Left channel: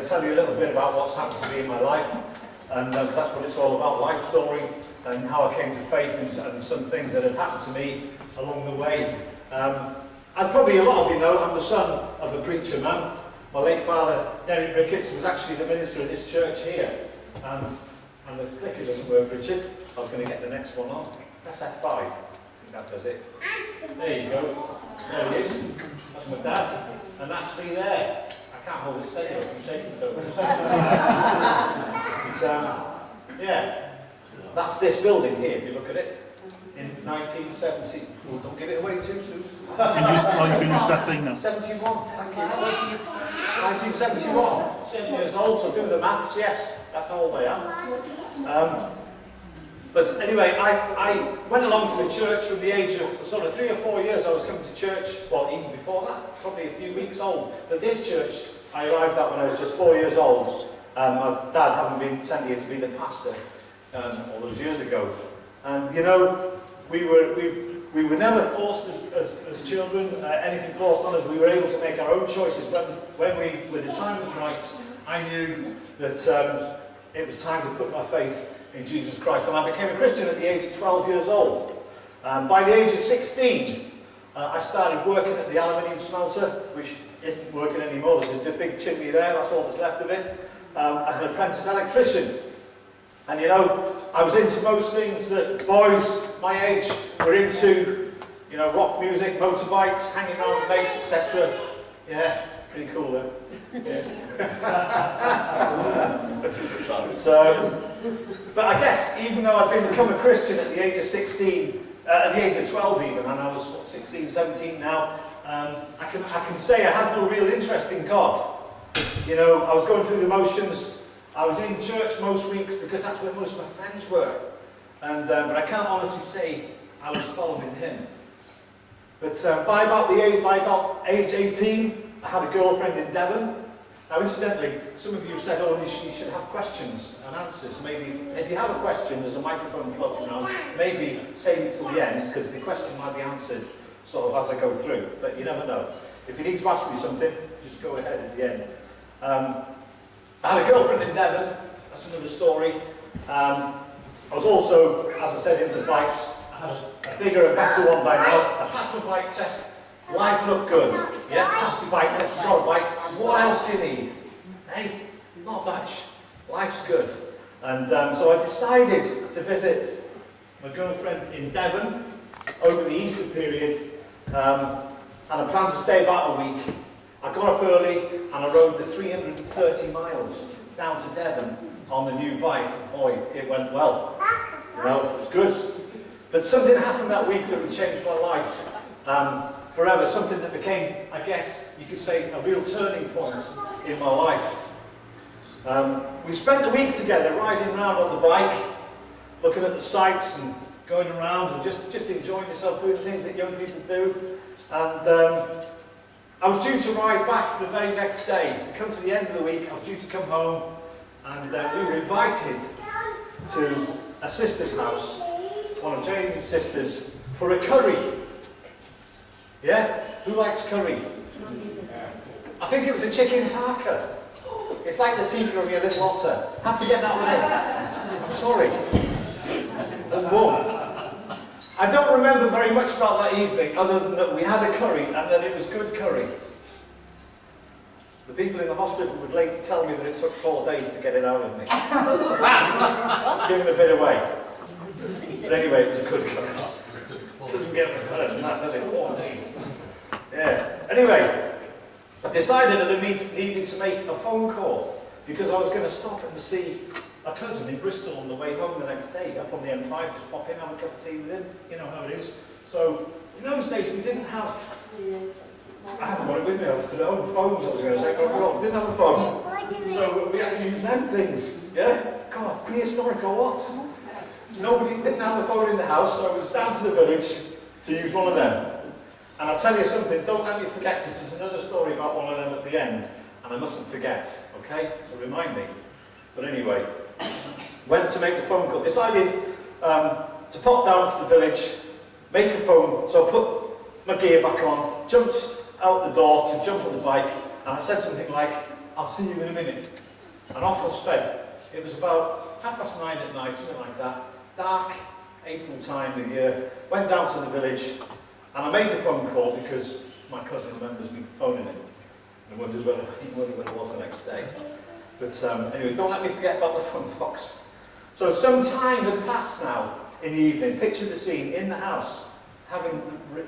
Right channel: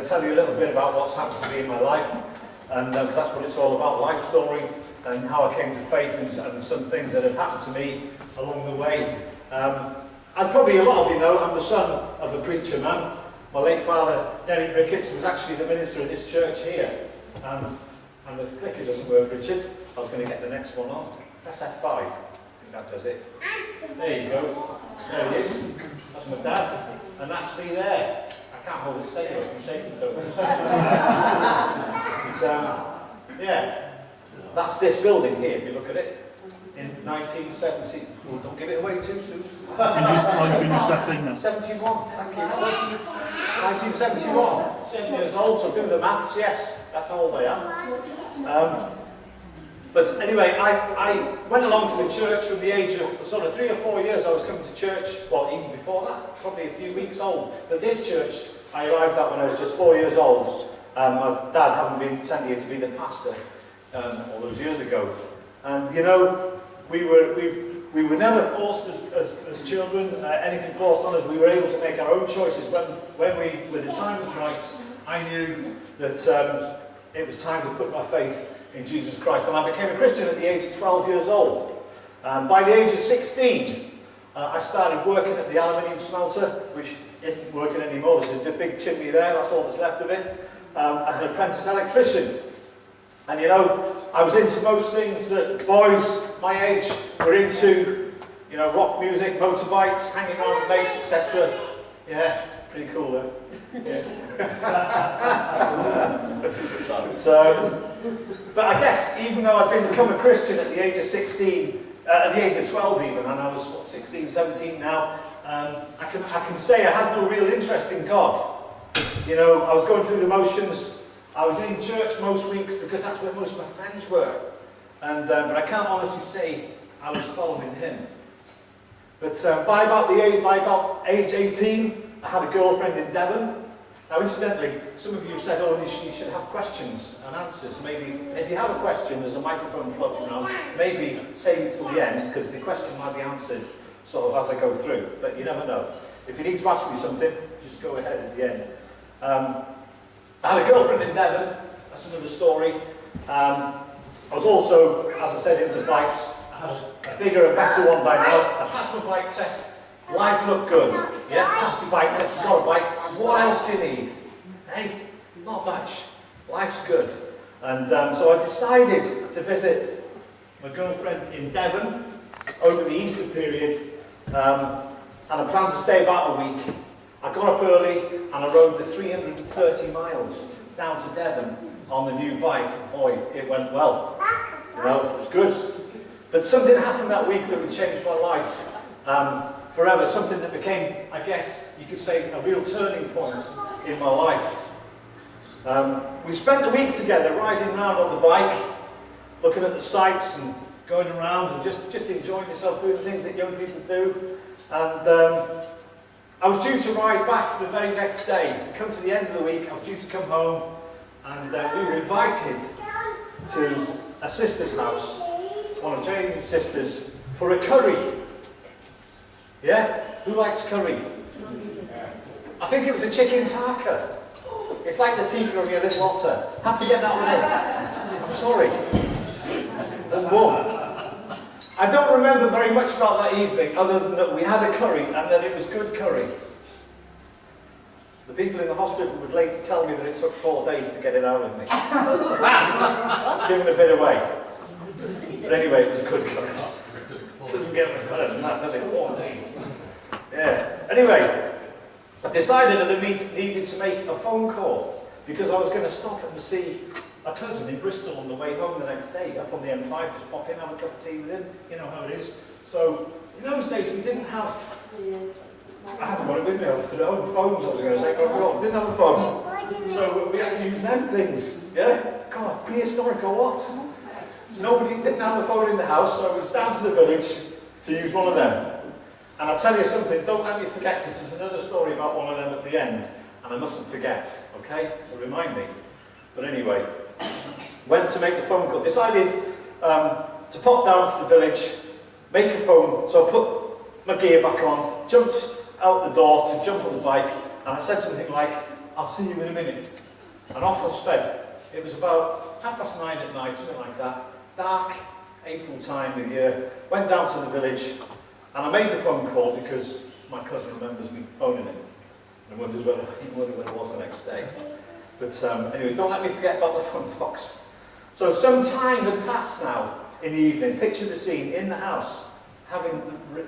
going to tell you a little bit about what's happened to me in my life, and that's what it's all about, life story, and how I came to faith, and some things that have happened to me along the way. As probably a lot of you know, I'm the son of a preacher man. My late father, Ricketts, was actually the minister of this church here. And the clicker doesn't work, Richard. I was going to get the next one on. Press F5. I think that does it. There you go. There it is. That's my dad. And that's me there. I can't hold it steady, I'm shaking so much. Yeah. That's this building here, if you look at it. In 1970. Oh, don't give it away too soon. Finish that thing now. 71. Thank you. 1971. 7 years old, so do the maths. Yes, that's how old I am. But anyway, I went along to the church from the age of sort of 3 or 4 years. I was coming to church, well, even before that, probably a few weeks old. But this church I arrived at when I was just 4 years old. My dad having been sent here to be the pastor all those years ago. And you know, we were never forced as children, anything forced on us. We were able to make our own choices when the time was right. I knew that it was time to put my faith in Jesus Christ, and I became a Christian at the age of 12 years old. By the age of 16, I started working at the aluminium smelter, which isn't working anymore. There's a big chimney there, that's all that's left of it, as an apprentice electrician. And you know, I was into most things that boys my age were into, you know, rock music, motorbikes, hanging around with mates, etc. Yeah, pretty cool though. Yeah. But I guess even though I'd become a Christian at the age of 16, at the age of 12 even, and I was 16, 17 now, I can say I had no real interest in God. You know, I was going through the motions. I was in church most weeks because that's where most of my friends were. And but I can't honestly say I was following him. But by about age 18, I had a girlfriend in Devon. Now, incidentally, some of you said, oh, you should have questions and answers. Maybe, if you have a question, there's a microphone floating around. Maybe save it till the end, because the question might be answered sort of as I go through. But you never know. If you need to ask me something, just go ahead at the end. I had a girlfriend in Devon. That's another story. I was also, as I said, into bikes. I had a bigger and better one by now. I passed my bike test. Life looked good. Yeah, passed my bike test. Got a bike. What else do you need? Hey, not much. Life's good. And so I decided to visit my girlfriend in Devon over the Easter period, and I planned to stay about a week. I got up early and I rode the 330 miles down to Devon on the new bike. Boy, it went well. You know, it was good. But something happened that week that would change my life forever. Something that became, I guess, you could say, a real turning point in my life. We spent the week together riding around on the bike, looking at the sights and going around and just enjoying yourself, doing the things that young people do. And I was due to ride back the very next day. Come to the end of the week, I was due to come home, and we were invited to a sister's house, one of Jane's sisters, for a curry. Yeah? Who likes curry? I think it was a chicken tarka. It's like the tikka of your little otter. Had to get that one in. I'm sorry. I don't remember very much about that evening, other than that we had a curry and that it was good curry. The people in the hospital would later tell me that it took 4 days to get it out of me. Giving a bit away. But anyway, it was a good curry. It doesn't get much better than that, does it? 4 days. Yeah. Anyway, I decided that I needed to make a phone call because I was going to stop and see a cousin in Bristol on the way home the next day, up on the M5, just pop in, have a cup of tea with him, you know how it is. So, in those days we didn't have, I haven't got it with me, I was at home, phones I was going to say, oh, we didn't have a phone. So we had to use them things, yeah? God, prehistoric or what? Nobody didn't have a phone in the house, so I was down to the village to use one of them. And I'll tell you something, don't let me forget, because there's another story about one of them at the end, and I mustn't forget, okay? So remind me. But anyway, went to make the phone call, decided to pop down to the village, make a phone, so I put my gear back on, jumped out the door to jump on the bike, and I said something like, I'll see you in a minute. And off I sped. It was about 9:30 at night, something like that. Dark, April time of year. Went down to the village, and I made the phone call because my cousin remembers me phoning him and wonders whether it was the next day. But anyway, don't let me forget about the phone box. So some time had passed now in the evening. Picture the scene in the house, having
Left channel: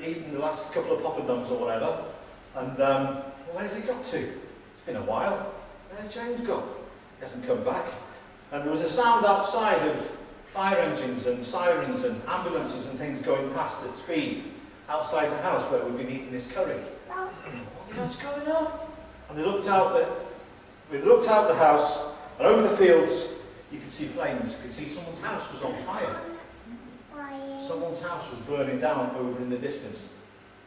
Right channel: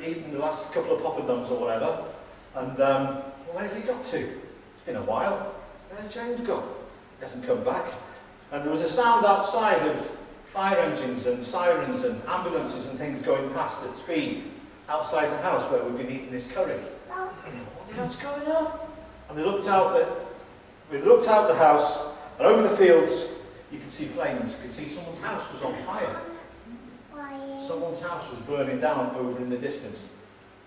eaten the last couple of poppadoms or whatever. And where's he got to? It's been a while. Where's James gone? He hasn't come back. And there was a sound outside of fire engines and sirens and ambulances and things going past at speed outside the house where we'd been eating this curry. What's going on? And they looked out the house, and over the fields you could see flames. You could see someone's house was on fire. Someone's house was burning down over in the distance.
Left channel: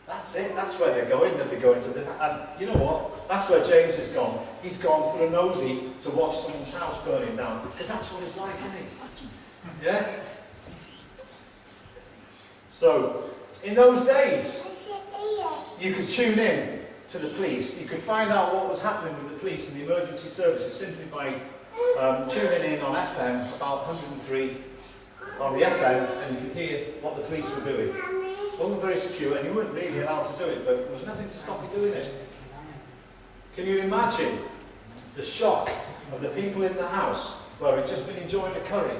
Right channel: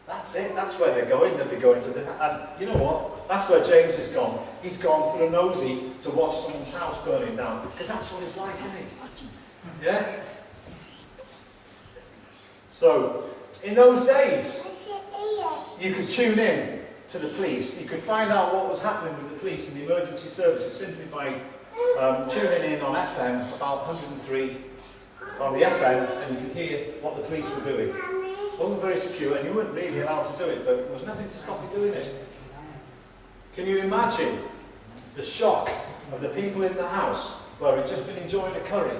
That's it. That's where they're going. They'll be going to the... And you know what? That's where James has gone. He's gone for a nosy to watch someone's house burning down. Because that's what it's like, isn't it? Yeah? So, in those days, you could tune in to the police. You could find out what was happening with the police and the emergency services simply by tuning in on FM, about 103 on the FM, and you could hear what the police were doing. It wasn't very secure, and you weren't really allowed to do it, but there was nothing to stop you doing it. Can you imagine the shock of the people in the house where had just been enjoying a curry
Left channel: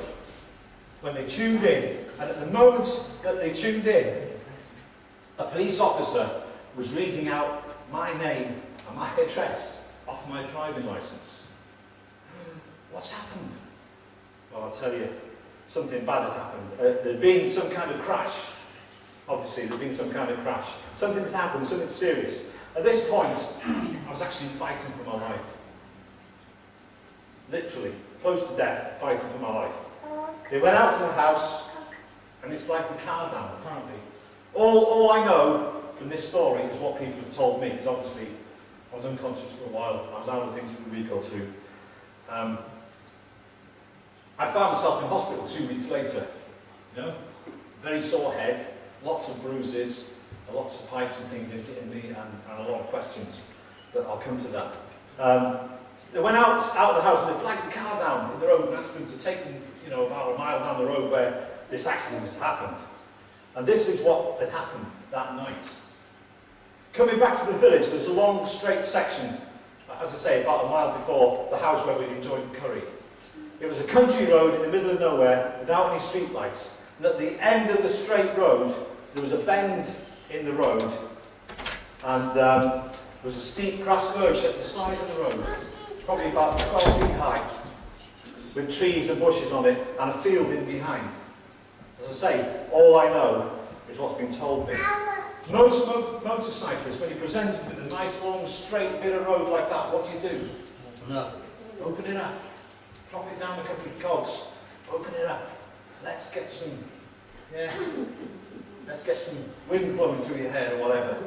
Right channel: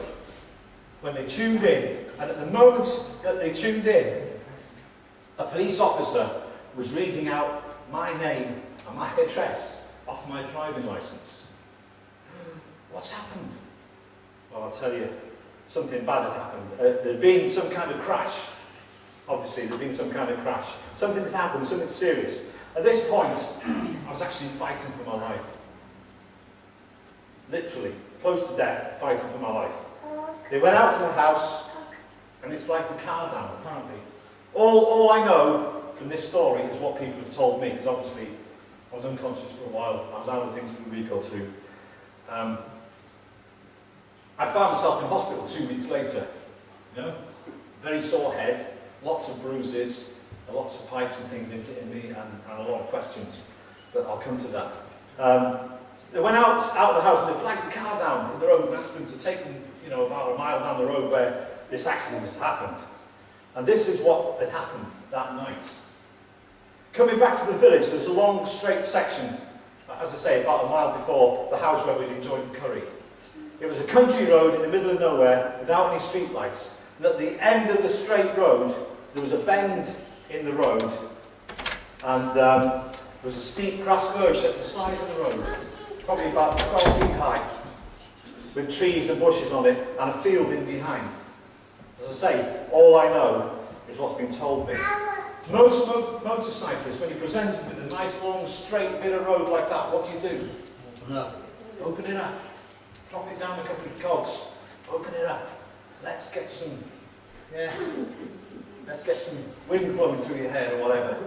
when they tuned in, and at the moment that they tuned in, a police officer was reading out my name and my address off my driving licence. What's happened? Well, I'll tell you, something bad had happened. There'd been some kind of crash. Obviously, there'd been some kind of crash. Something had happened, something serious. At this point, I was actually fighting for my life. Literally, close to death, fighting for my life. They went out from the house, and they flagged the car down, apparently. All I know from this story is what people have told me, because obviously I was unconscious for a while. I was out of things for a week or two. I found myself in hospital 2 weeks later. You know, very sore head, lots of bruises, lots of pipes and things in me, and a lot of questions. But I'll come to that. They went out of the house and they flagged the car down in the road and asked them to take them, you know, about a mile down the road where this accident had happened. And this is what had happened that night. Coming back to the village, there's a long straight section, as I say, about a mile before the house where we'd enjoyed the curry. It was a country road in the middle of nowhere without any street lights. And at the end of the straight road, there was a bend in the road. And there was a steep grass verge at the side of the road, probably about 12 feet high, with trees and bushes on it, and a field in behind. As I say, all I know is what's been told me. Most motorcyclists, when you're presented with a nice long straight bit of road like that, what do you do? Open it up. Drop it down a couple of cogs. Open it up. Let's get some wind blowing through your hair or whatever.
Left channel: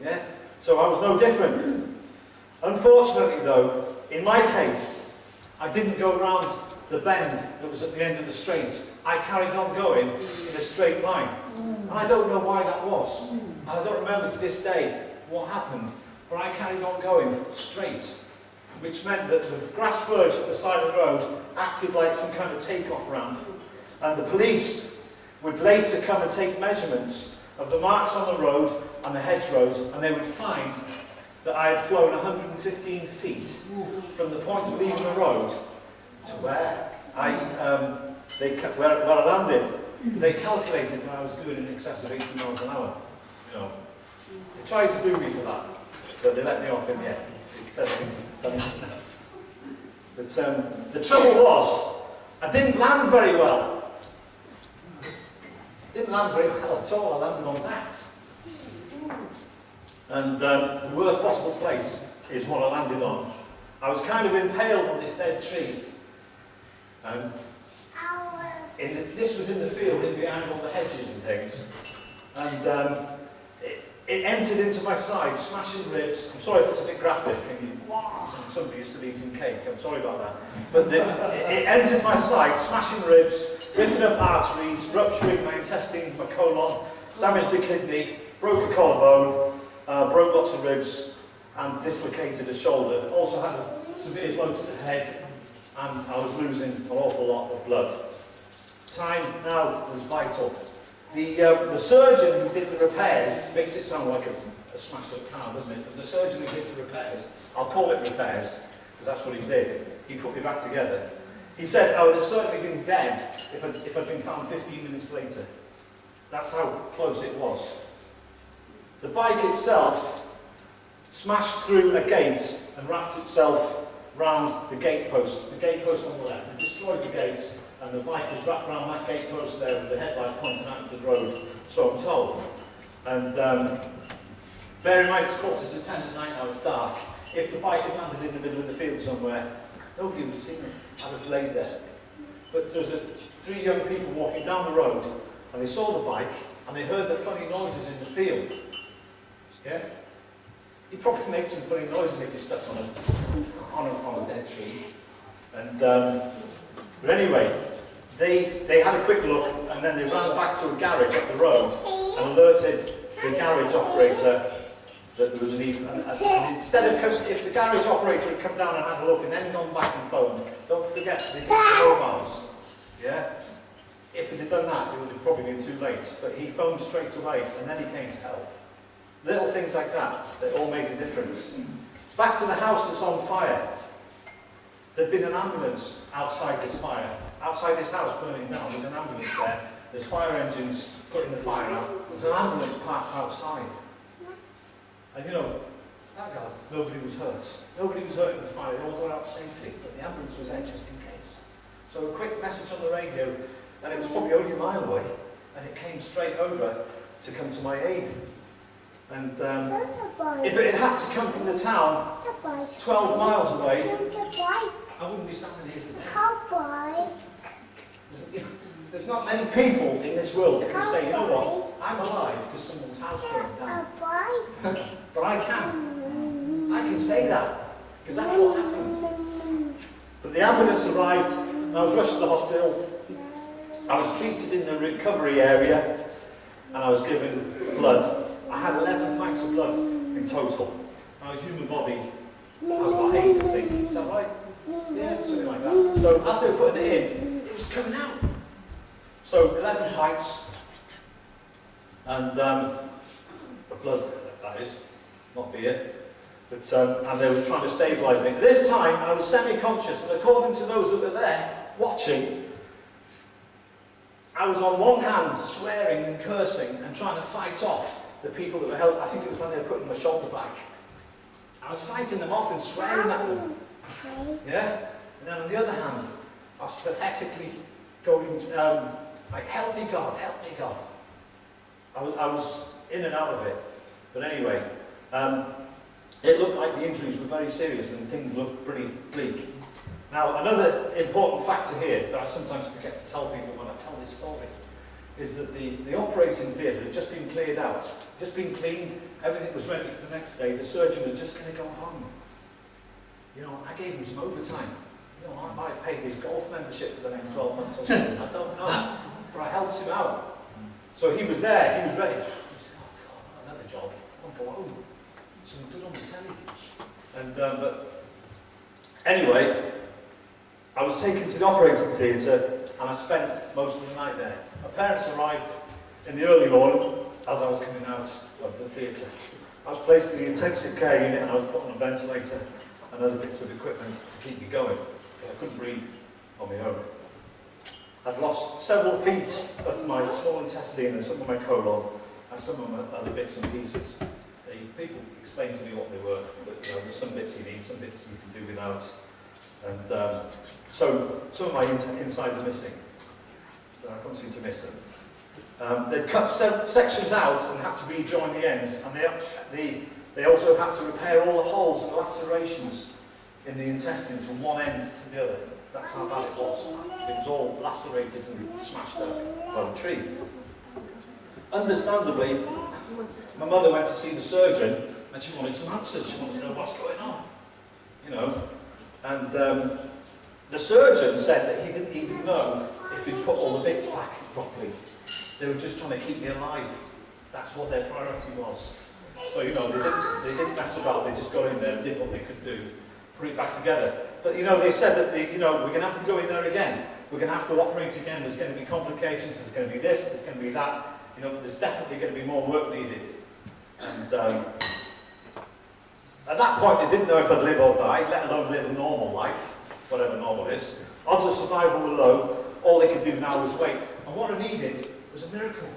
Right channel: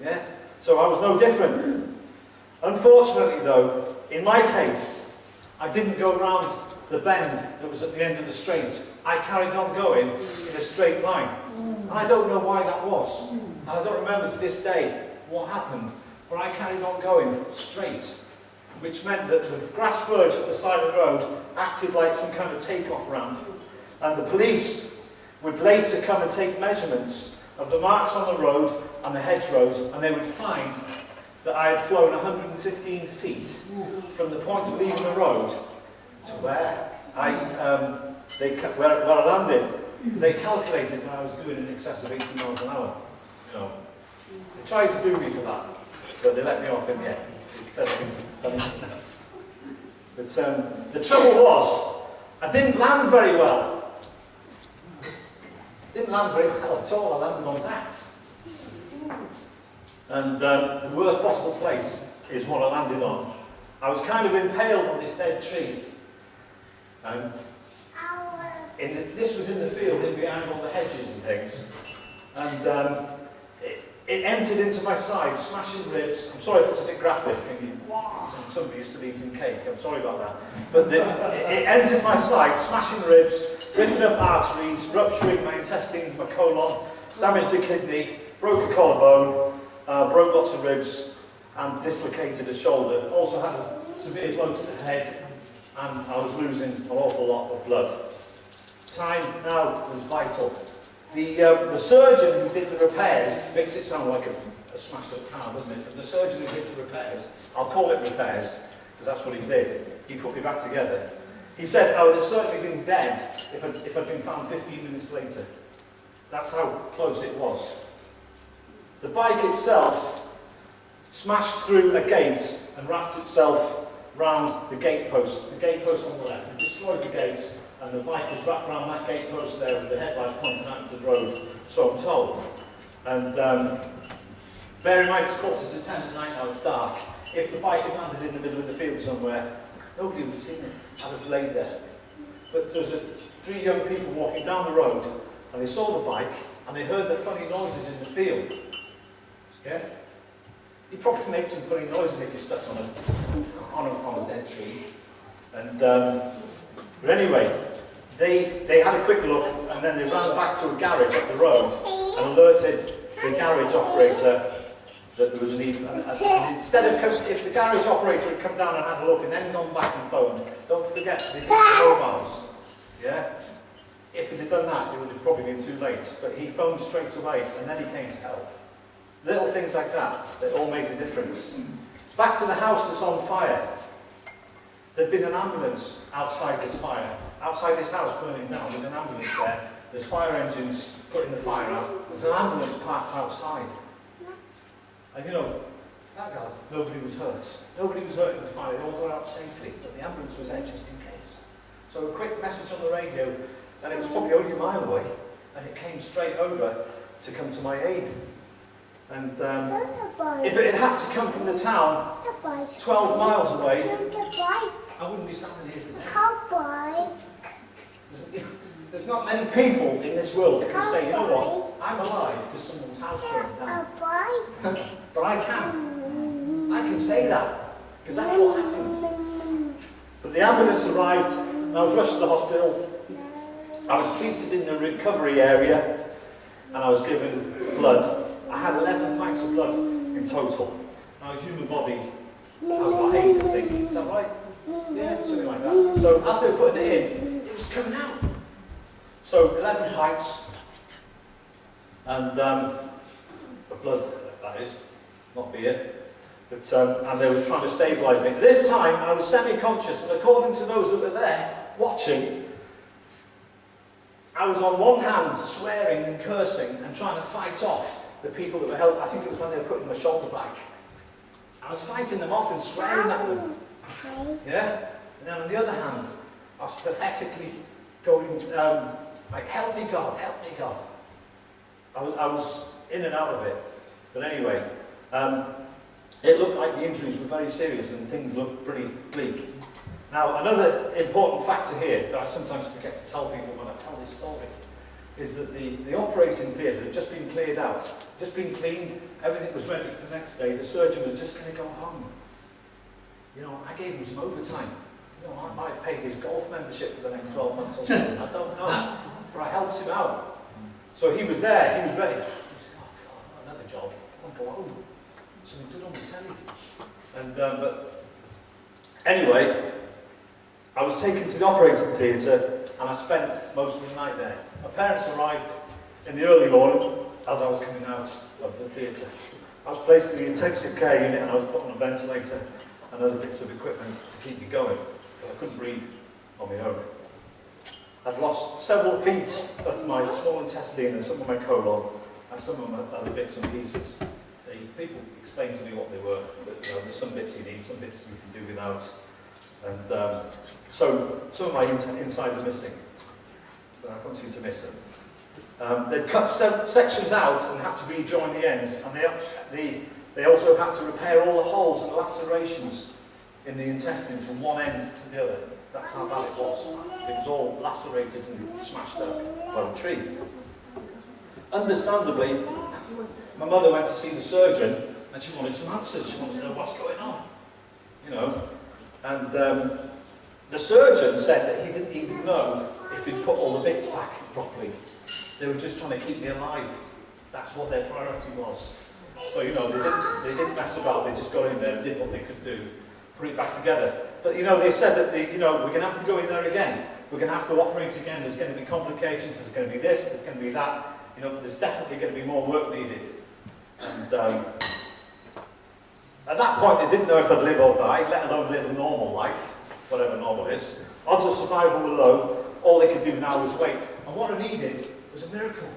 Yeah? So I was no different. Unfortunately though, in my case, I didn't go round the bend that was at the end of the straight. I carried on going in a straight line. And I don't know why that was. And I don't remember to this day what happened. But I carried on going straight, which meant that the grass verge at the side of the road acted like some kind of take-off ramp. And the police would later come and take measurements of the marks on the road and the hedgerows, and they would find that I had flown 115 feet from the point of leaving the road to where I landed. They calculated that I was doing in excess of 80 miles an hour. You know, they tried to do me for that, but they let me off in the end. But the trouble was, I didn't land very well. Didn't land very well at all. I landed on that. And the worst possible place is what I landed on. I was kind of impaled on this dead tree. And this was in the field, in behind all the hedges and things. And it entered into my side, smashing ribs. I'm sorry if it's a bit graphic. Somebody used to be eating cake. I'm sorry about that. But it entered my side, smashing ribs, ripping up arteries, rupturing my intestines, my colon, damaged a kidney, broke a collarbone, broke lots of ribs. and dislocated a shoulder. Also had a severe blow to the head, and I was losing an awful lot of blood. Time now was vital. The surgeon who did the repairs, makes it sound like a smashed up car, doesn't it? But the surgeon who did the repairs, I'll call it repairs, because that's what he did. He put me back together. He said I would have certainly been dead if I'd been found 15 minutes later. That's how close it was. The bike itself smashed through a gate and wrapped itself round the gate post on the left. It destroyed the gate, and the bike was wrapped around that gate post there with the headlight pointing out into the road, so I'm told. And bear in mind it's 9:45 at night now, it's dark. If the bike had landed in the middle of the field somewhere, nobody would have seen it. I'd have laid there. But there was 3 young people walking down the road, and they saw the bike, and they heard the funny noises in the field. Yeah? You probably made some funny noises if you stepped on a dead tree. And but anyway, they had a quick look, and then they ran back to a garage up the road and alerted the garage operator that there was an even. And instead of, if the garage operator had come down and had a look and then gone back and phoned, don't forget they did mobiles. Yeah? If he'd have done that, it would have probably been too late. But he phoned straight away, and then he came to help. Little things like that, they all make a difference. Back to the house that's on fire. There'd been an ambulance outside this fire. Outside this house burning down, there's an ambulance there. There's fire engines putting the fire out. There's an ambulance parked outside. And you know, thank God, nobody was hurt. Nobody was hurt in the fire. They all got out safely, but the ambulance was there just in case. So a quick message on the radio, and it was probably only a mile away, and it came straight over to come to my aid. And if it had to come from the town 12 miles away, I wouldn't be standing here today. There's not many people in this world that can say, you know what, I'm alive because someone's house burned down. But I can say that, because that's what happened. But the ambulance arrived, and I was rushed to the hospital. I was treated in the recovery area, and I was given blood. I had 11 pints of blood in total. Now, a human body has about 8, I think. Is that right? Yeah, something like that. So as they were putting it in, it was coming out. So 11 pints, and blood, that is, not beer. But, and they were trying to stabilise me. This time, I was semi-conscious, and according to those that were there watching, I was on one hand swearing and cursing and trying to fight off the people that were helping. I think it was when they were putting my shoulder back. I was fighting them off and swearing at them. Yeah? And then on the other hand, I was pathetically going, like, help me God, help me God. I was in and out of it. But anyway, it looked like the injuries were very serious and things looked pretty bleak. Now, another important factor here that I sometimes forget to tell people when I tell this story is that the operating theatre had just been cleared out, just been cleaned, everything was ready for the next day, the surgeon was just going to go home. You know, I gave him some overtime. You know, I might pay his golf membership for the next 12 months or something, I don't know. But I helped him out. So he was there, he was ready. He said, oh God, another job, I'll go home. Something good on the telly. And, but anyway, I was taken to the operating theatre and I spent most of the night there. My parents arrived in the early morning as I was coming out of the theatre. I was placed in the intensive care unit and I was put on a ventilator and other bits of equipment to keep me going because I couldn't breathe on my own. I'd lost several feet of my small intestine and some of my colon and some of my other bits and pieces. People explained to me what they were, but you know, there's some bits you need, some bits you can do without. And so some of my insides are missing, but I can't seem to miss them. They'd cut sections out and had to rejoin the ends, and they also had to repair all the holes and lacerations in the intestine from one end to the other. That's how bad it was. It was all lacerated and smashed up by the tree. Understandably, my mother went to see the surgeon and she wanted some answers. She wanted to know what's going on, you know. And the surgeon said that he didn't even know if he'd put all the bits back properly. They were just trying to keep me alive. That's what their priority was. So, you know, they didn't mess about, they just got in there and did what they could do, put it back together. But, you know, they said that, you know, we're going to have to go in there again. We're going to have to operate again. There's going to be complications. There's going to be this. There's going to be that. You know, there's definitely going to be more work needed. And at that point, they didn't know if I'd live or die, let alone live a normal life, whatever normal is. Odds of survival were low. All they could do now was wait. And what I needed was a miracle.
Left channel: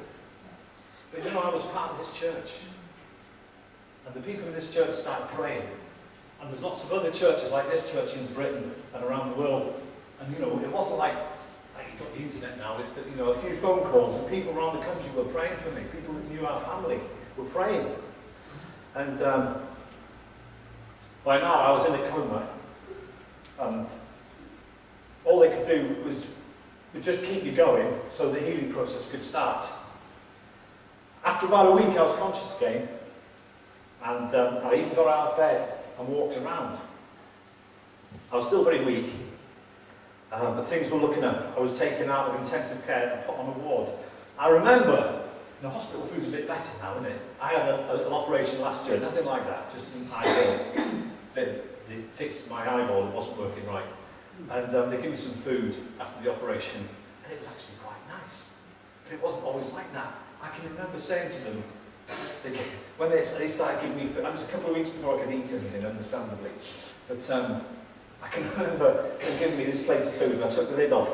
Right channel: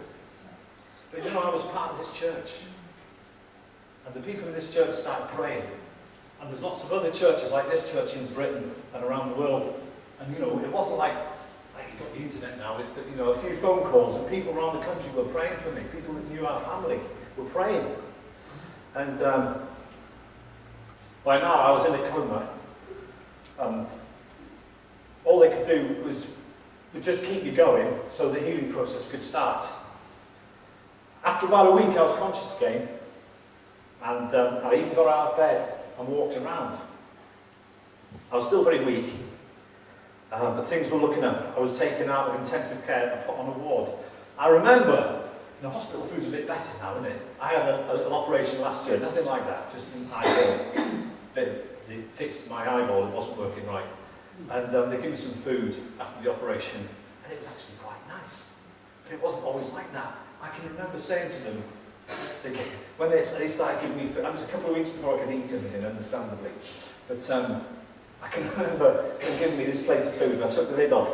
But, you know, I was part of this church. And the people in this church started praying. And there's lots of other churches like this church in Britain and around the world. And, you know, it wasn't like you've got the internet now, you know, a few phone calls and people around the country were praying for me. People that knew our family were praying. And by now I was in a coma. And all they could do was just keep you going so the healing process could start. After about a week I was conscious again. And I even got out of bed and walked around. I was still very weak, but things were looking up. I was taken out of intensive care and put on a ward. I remember, you know, hospital food's a bit better now, isn't it? I had a little operation last year, nothing like that, just an eyeball. They fixed my eyeball, it wasn't working right. And they gave me some food after the operation, and it was actually quite nice. But it wasn't always like that. I can remember saying to them, when they started giving me food, it was a couple of weeks before I could eat anything, understandably. But I can remember them giving me this plate of food, and I took the lid off,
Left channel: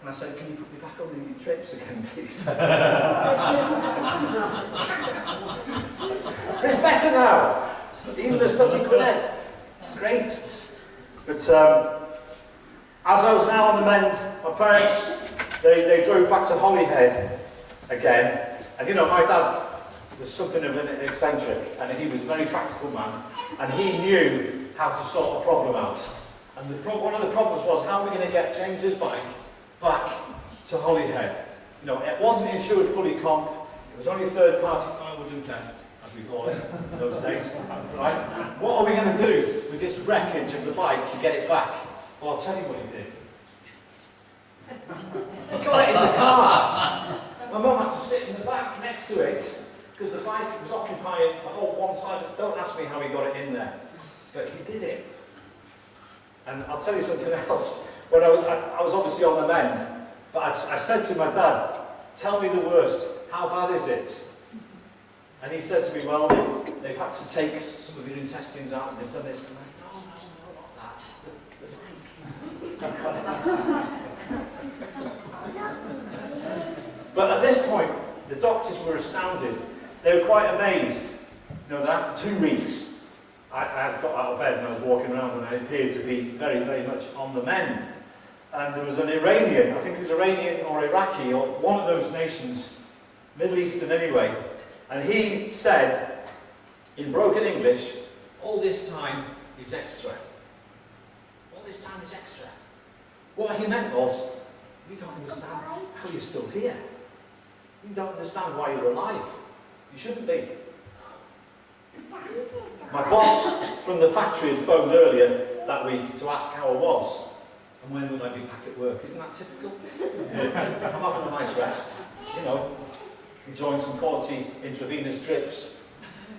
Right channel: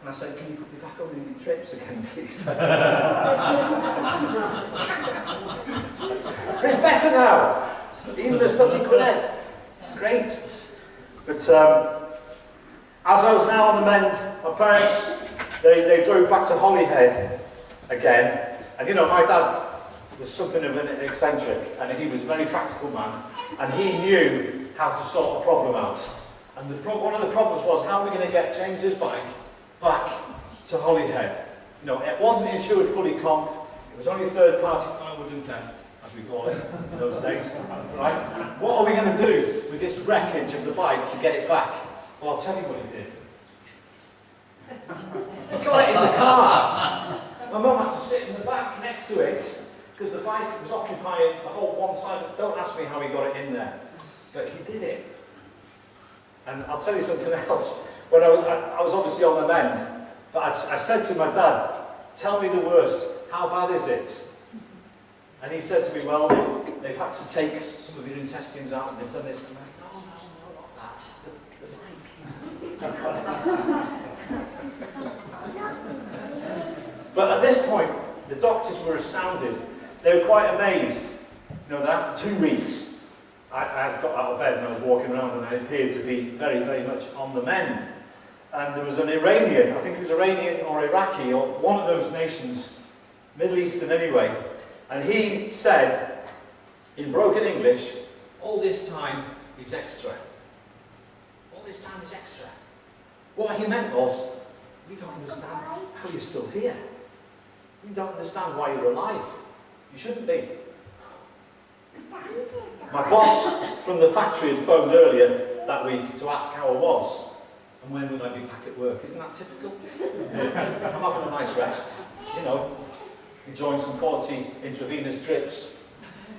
and I said, "Can you put me back on the trips again, please?" But it's better now, even as Butty Quinette. Great. But as I was now on the mend, my parents, they drove back to Holyhead again, and you know, my dad was something of an eccentric, and he was a very practical man, and he knew how to sort the problem out. And one of the problems was, how are we going to get James's bike back to Holyhead? You know, it wasn't insured fully comp, it was only third-party firewood and theft, as we call it in those days. Right? What are we going to do with this wreckage of the bike to get it back? Well, I'll tell you what he did. He got it in the car. My mum had to sit in the back next to it, because the bike was occupying the whole one side. Don't ask me how he got it in there, but he did it. And I'll tell you something else. When I was obviously on the mend, but I said to my dad, "Tell me the worst. How bad is it?" And he said to me, "Well, they've had to take some of your intestines out, and they've done this." And I'm like, "No, not that. The bike." But at this point, the doctors were astounded. They were quite amazed, you know, that after 2 weeks, I had got out of bed and I was walking around and I appeared to be very, very much on the mend. And there was an Iranian, I think it was Iranian or Iraqi, or one of those nations, Middle Eastern anyway, and he said, in broken English, "All this time is extra. All this time is extra." What he meant was, we don't understand how you're still here. We don't understand why you're alive. You shouldn't be. My boss from the factory had phoned earlier that week to ask how I was and when would I be back at work. Isn't that typical? I'm having a nice rest, you know, enjoying some quality intravenous drips,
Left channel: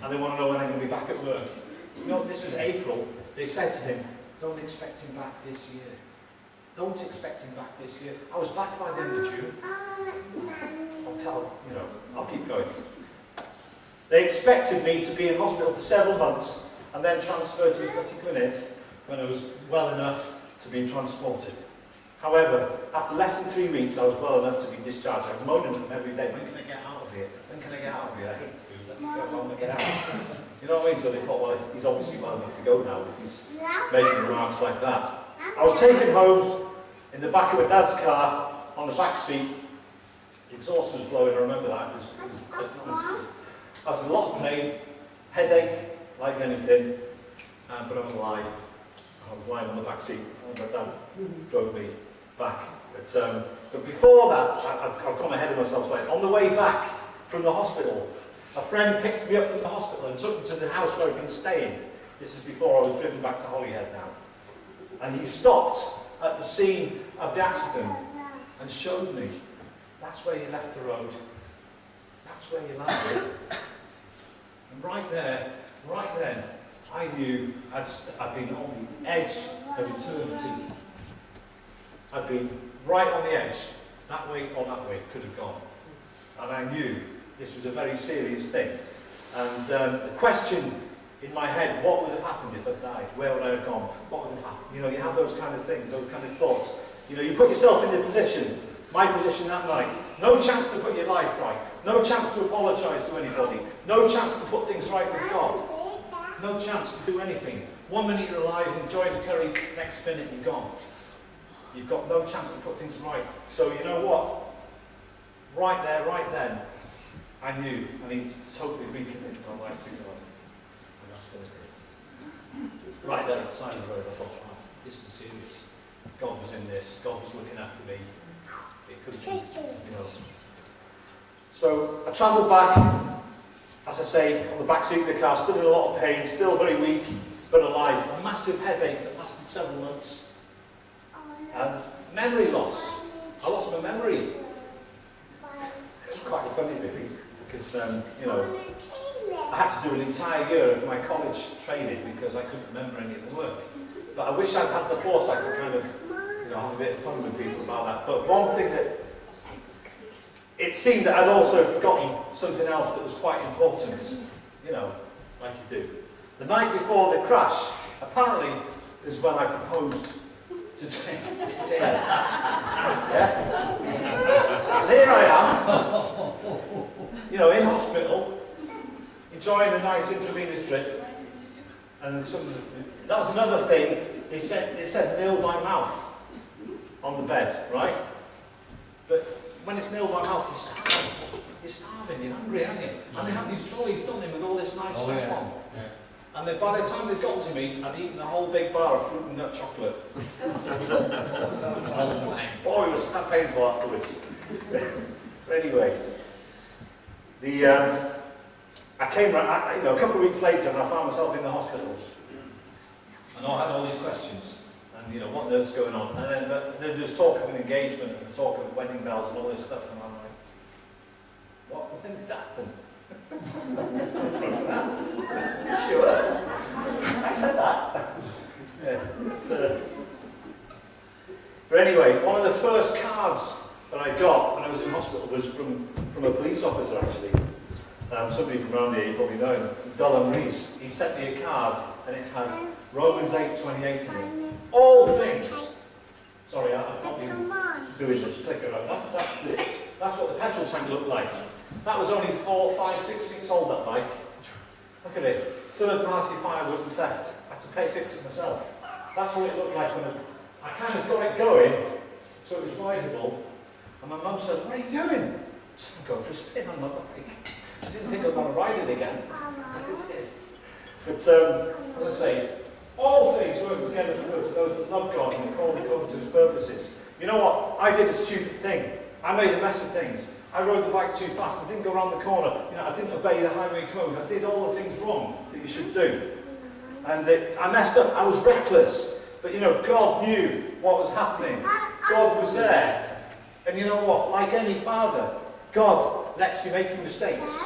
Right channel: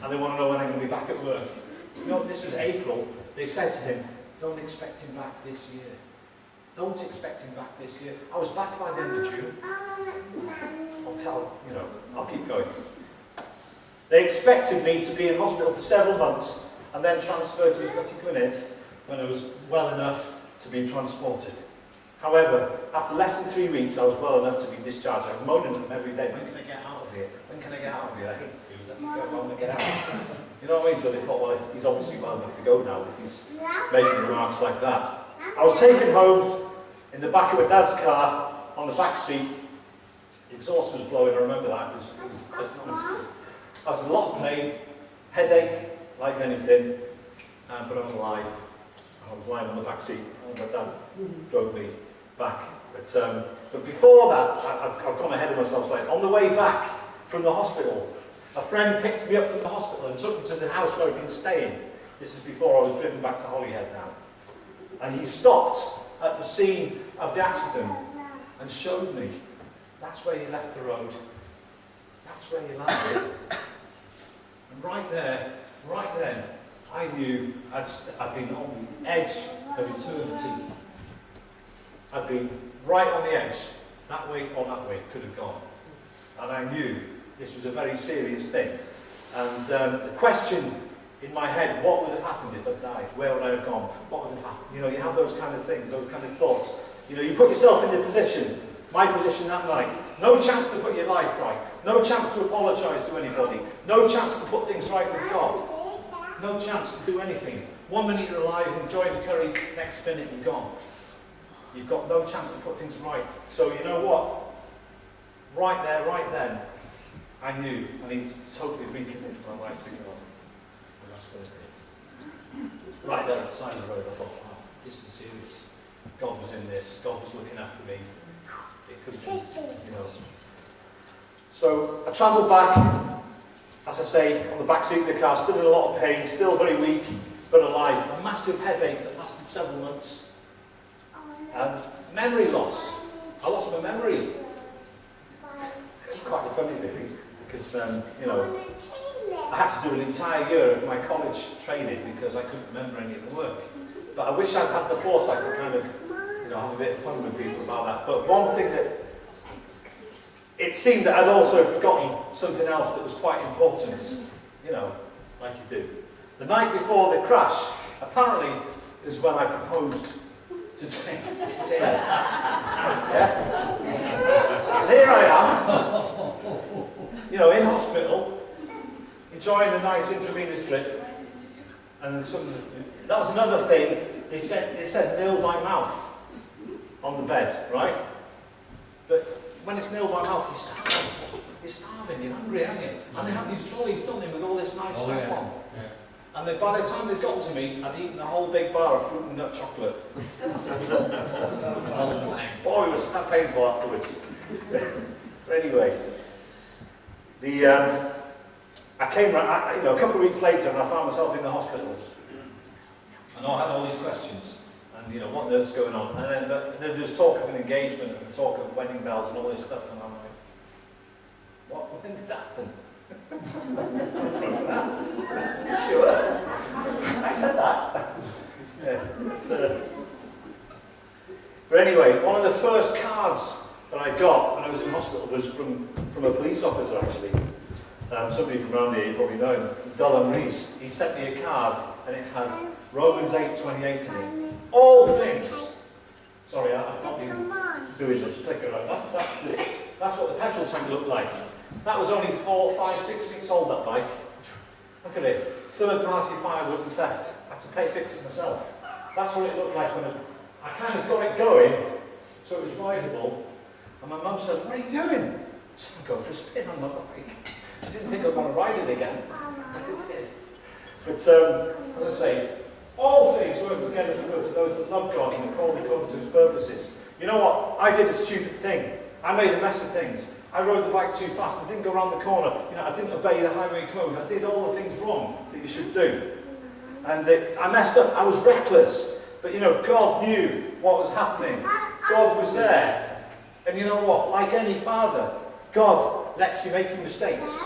and they want to know when I'm going to be back at work. You know, this was April. They said to him, "Don't expect him back this year. Don't expect him back this year." I was back by the end of June. I'll keep going. They expected me to be in hospital for several months and then transferred to Butty Quinette when I was well enough to be transported. However, after less than 3 weeks, I was well enough to be discharged. I was moaning at them every day, "When can I get out of here? When can I get out of here? I hate food, let me go home and get out." You know what I mean? So they thought, well, he's obviously well enough to go now if he's making remarks like that. I was taken home in the back of my dad's car, on the back seat. The exhaust was blowing, I remember that. It was I was in a lot of pain, headache, like anything, but I was alive. I was lying on the back seat, and my dad drove me back. But before that, I've gone ahead of myself slightly. On the way back from the hospital, a friend picked me up from the hospital and took me to the house where I'd been staying. This is before I was driven back to Holyhead now. And he stopped at the scene of the accident and showed me, "That's where you left the road. That's where you landed. And right there, right then, I knew I'd been on the edge of eternity. I'd been right on the edge, that way or that way, it could have gone. And I knew this was a very serious thing. And the question in my head, what would have happened if I died? Where would I have gone? What would have happened? You know, you have those kind of things, those kind of thoughts. You know, you put yourself in the position, my position that night. No chance to put your life right. No chance to apologise to anybody. No chance to put things right with God. No chance to do anything. 1 minute you're alive, enjoy the curry, next minute you're gone. You've got no chance to put things right. So you know what? Right there, right then, I knew I need to totally recommit my life to God. And that's what it is. Right there at the side of the road, I thought, wow, this is serious. God was in this. God was looking after me. It could be, you know. So I travelled back, as I say, on the back seat of the car, still in a lot of pain, still very weak, but alive. A massive headache that lasted several months. And memory loss. I lost my memory. It's quite funny, really, because, you know, I had to do an entire year of my college training because I couldn't remember any of the work. But I wish I'd had the foresight to kind of, you know, have a bit of fun with people about that. But one thing that, it seemed that I'd also forgotten something else that was quite important, you know, like you do. The night before the crash, apparently, is when I proposed to Jane. Yeah? And here I am, you know, in hospital, enjoying a nice intravenous drip, and that was another thing. They said nil by mouth on the bed, right? But when it's nil by mouth, you're starving, you're hungry, aren't you? And they have these trolleys, don't they, with all this nice stuff on. Yeah. And then by the time they got to me, I'd eaten a whole big bar of fruit and nut chocolate. Boy, it was that painful afterwards. But anyway, I came, you know, a couple of weeks later, and I found myself in the hospital. And I had all these questions, and you know, what on earth's going on? And then, but there's talk of an engagement, and talk of wedding bells, and all this stuff, and I'm like, what? When did that happen? You sure? I said that. Yeah, but anyway, one of the first cards that I got when I was in hospital was from a police officer, actually. Somebody from around here, you probably know him, Dylan Rees. He sent me a card, and it had Romans 8:28 in it. All things. Sorry, I've not been doing the clicker. That's what the petrol tank looked like. That was only 4, 5, 6 weeks old, that bike. Look at it. Third-party firewood and theft. I had to fix it myself. That's what it looked like when I kind of got it going, so it was rideable. And my mum says, "What are you doing?" So I'm going for a spin on my bike. I didn't think I'd want to ride it again. I did. But as I say, all things work together for good to those that love God and are called according to His purposes. You know what? I did a stupid thing. I made a mess of things. I rode the bike too fast. I didn't go around the corner. You know, I didn't obey the highway code. I did all the things wrong that you should do. And I messed up. I was reckless. But you know, God knew what was happening. God was there. And you know what? Like any father, God lets you make mistakes.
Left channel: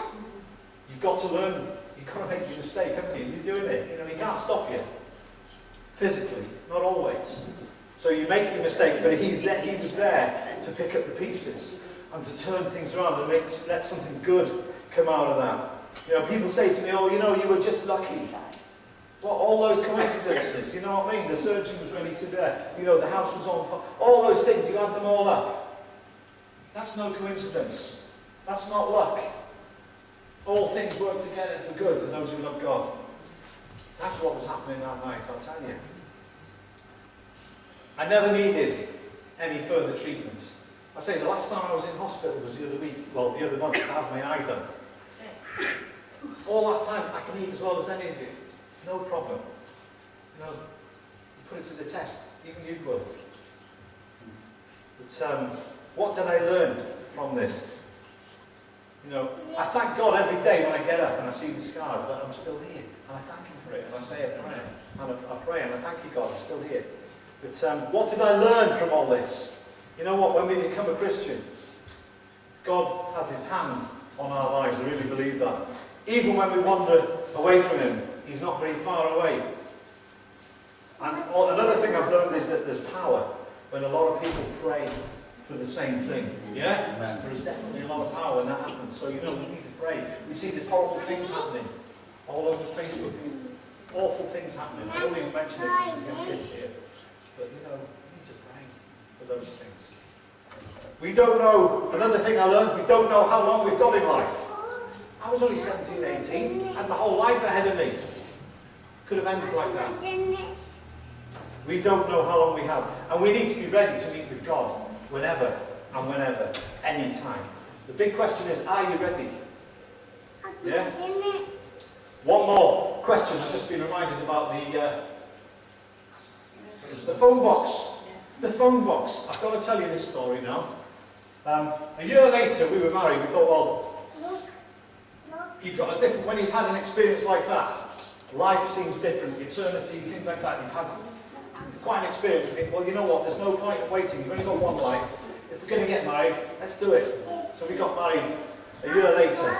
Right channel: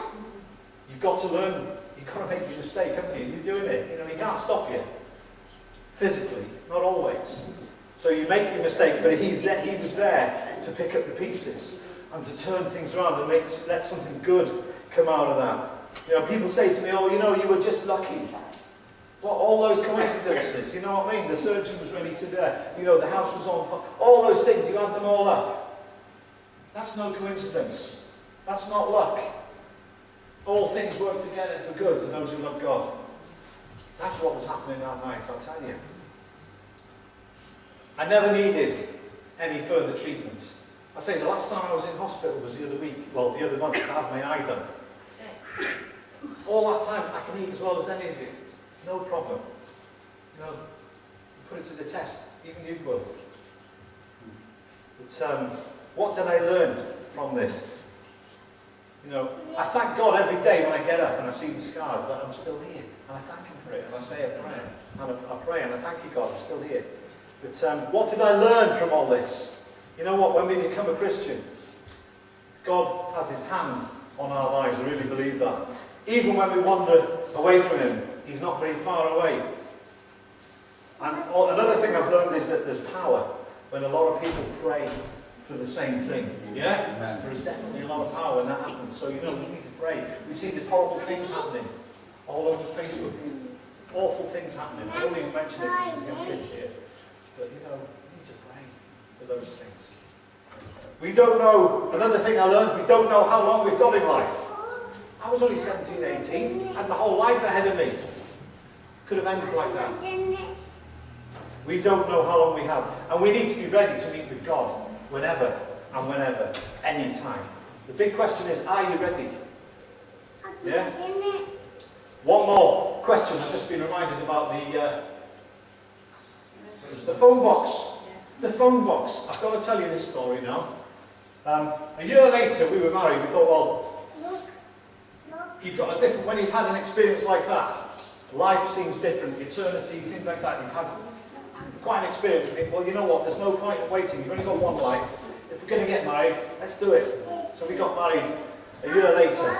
You've got to learn. You've got to make your mistake, haven't you? You're doing it. You know, He can't stop you. Physically, not always. So you make your mistake, but He was there to pick up the pieces and to turn things around and let something good come out of that. You know, people say to me, "Oh, you know, you were just lucky." Well, all those coincidences, you know what I mean? The surgeon was ready to death. You know, the house was on fire. All those things, you add them all up. That's no coincidence. That's not luck. All things work together for good to those who love God. That's what was happening that night, I'll tell you. I never needed any further treatment. I say the last time I was in hospital was the other week, well, the other month, to have my eye done. All that time, I can eat as well as any of you. No problem. You know, you put it to the test. Even you will. But what did I learn from this? You know, I thank God every day when I get up and I see the scars that I'm still here. And I thank Him for it. And I say a prayer. And I pray and I thank you, God, I'm still here. But what did I learn from all this? You know what? When we become a Christian, God has His hand on our lives. I really believe that. Even when we wander away from him, he's not very far away. And another thing I've learned is that there's power when a lot of people pray for the same thing. Yeah? Amen. There is definitely a lot of power when that happens. So, we need to pray. We see these horrible things happening all over Facebook. Awful things happening. I don't even mention it because we have kids here. But, we need to pray for those things. We don't know, another thing I learned, we don't know how long we've got in life. I was only 17, 18, had my whole life ahead of me. Could have ended like that. We don't know how long we have. And we need to be ready to meet with God whenever and whenever, any time. The big question is, are you ready? Yeah? One more question. I've just been reminded about the phone box. The phone box. I've got to tell you this story now. A year later, we were married. We thought, well, you've got a different, when you've had an experience like that, life seems different, eternity, things like that. You've had quite an experience. You think, well, you know what, there's no point in waiting. You've only got one life. If we're going to get married, let's do it. So we got married a year later.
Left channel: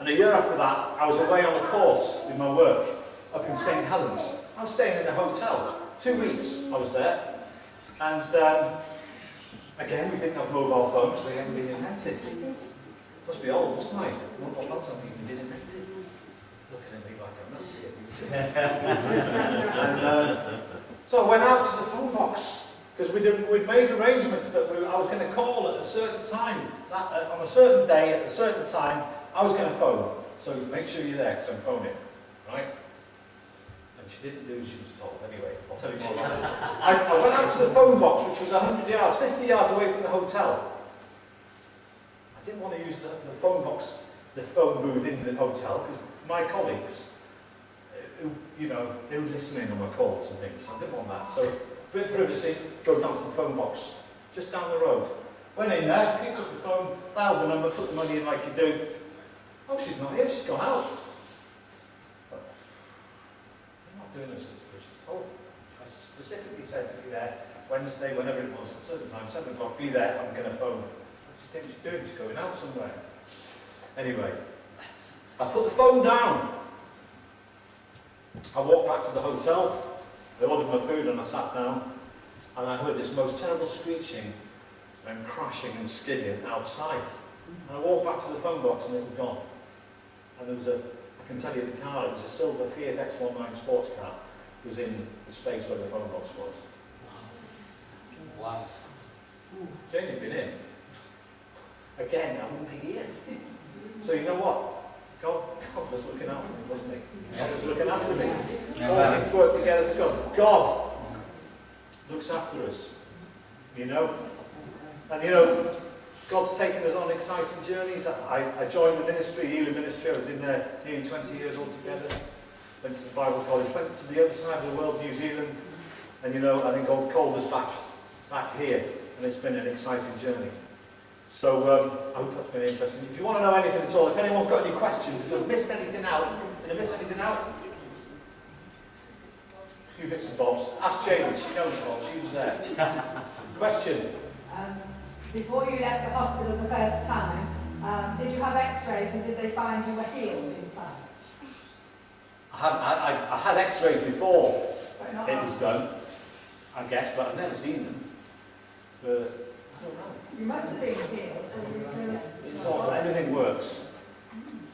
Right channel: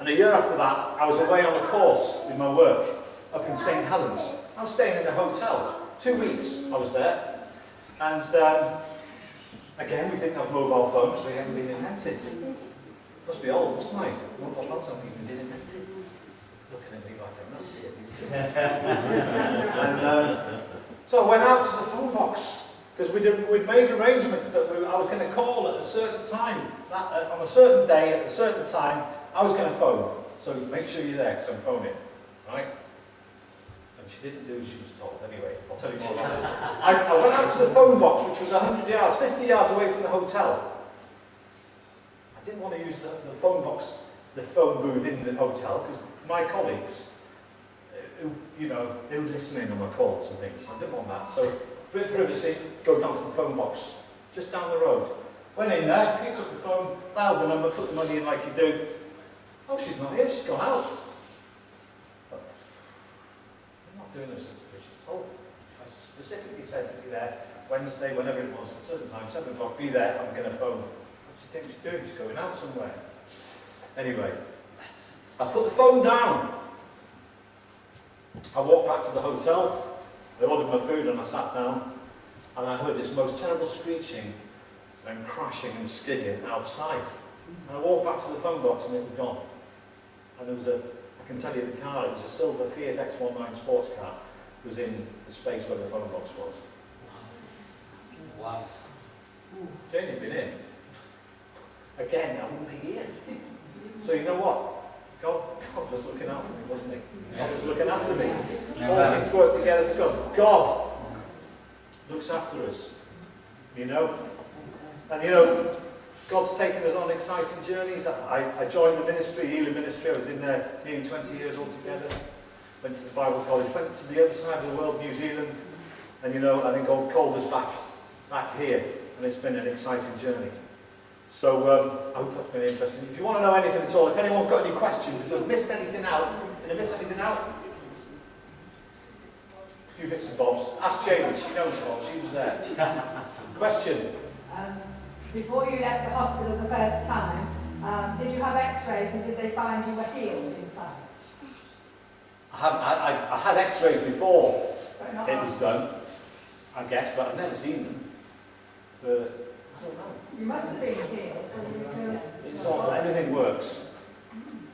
And a year after that, I was away on a course with my work up in St. Helens. I was staying in a hotel. 2 weeks I was there. And again, we didn't have mobile phones. They hadn't been invented. Must be old, mustn't I? Mobile phones haven't even been invented. Looking at me like I'm not seeing these. So I went out to the phone box because we'd made arrangements that I was going to call at a certain time, on a certain day, at a certain time. I was going to phone. So make sure you're there because I'm phoning, right? And she didn't do as she was told. Anyway, I'll tell you more about it. I went out to the phone box, which was 100 yards, 50 yards away from the hotel. I didn't want to use the phone box, the phone booth in the hotel, because my colleagues, they were listening on my calls and things. So I didn't want that. So, bit of privacy, go down to the phone box, just down the road. Went in there, picked up the phone, dialed the number, put the money in like you do. Oh, she's not here, she's gone out. But you're not doing this as she's told. I specifically said to be there Wednesday, whenever it was, at a certain time, 7 o'clock, be there, I'm going to phone. What do you think she's doing? She's going out somewhere. Anyway, I put the phone down. I walked back to the hotel, I ordered my food and I sat down, and I heard this most terrible screeching and crashing and skidding outside. And I walked back to the phone box and it was gone. And there was I can tell you the car, it was a silver Fiat X19 sports car. It was in the space where the phone box was. Wow. Jane had been in. Again, I wouldn't be here. So you know what? God was looking out for me, wasn't he? God was looking after me. All things work together for God. God looks after us. And God's taken us on exciting journeys. I joined the ministry, Healing Ministry. I was in there nearly 20 years altogether. Went to the Bible College, went to the other side of the world, New Zealand. And I think God called us back here. And it's been an exciting journey. So I hope that's been interesting. If you want to know anything at all, if anyone's got any questions, if I've missed anything out, a few bits and bobs. Ask Jamie, she knows what, she was there. Question? Before you left the hospital the first time, did you have x-rays and did they find you were healed inside? I had x-rays before it was done, I guess, but I've never seen them. But I don't know. You must have been healed. It's all, everything works.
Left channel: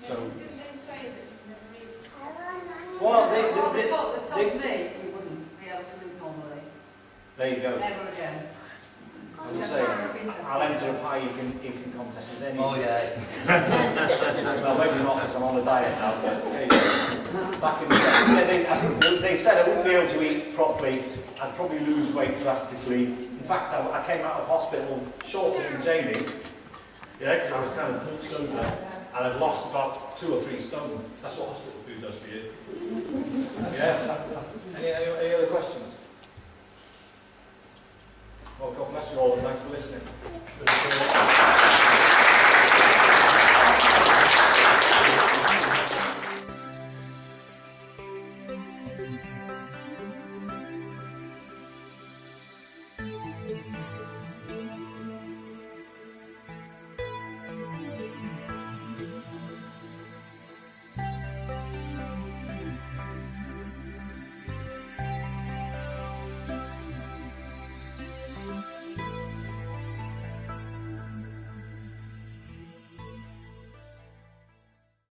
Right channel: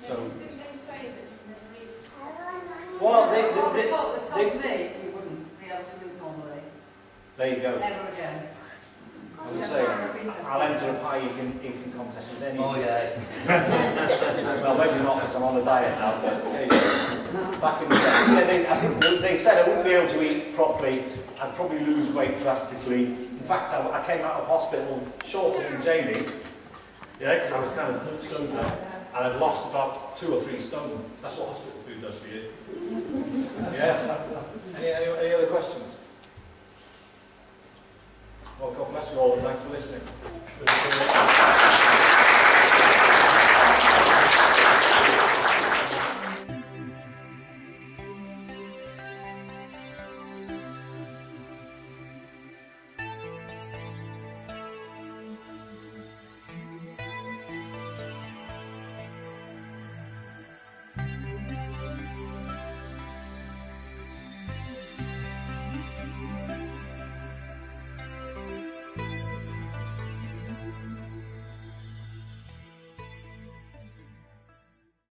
So. Didn't they say that you'd never read? Well, They told me you wouldn't be able to read normally. There you go. Never again. As I say, I'll enter a pie eating contest with any. Oh yeah. Well, maybe not because I'm on a diet now, but there you go. Back in the day. I think they said I wouldn't be able to eat properly. I'd probably lose weight drastically. In fact, I came out of hospital shorter than Jamie. Yeah, because I was kind of hunched over. And I've lost about 2 or 3 stone. That's what hospital food does for you. Yeah. Any other questions? Well, God bless you all and thanks for listening.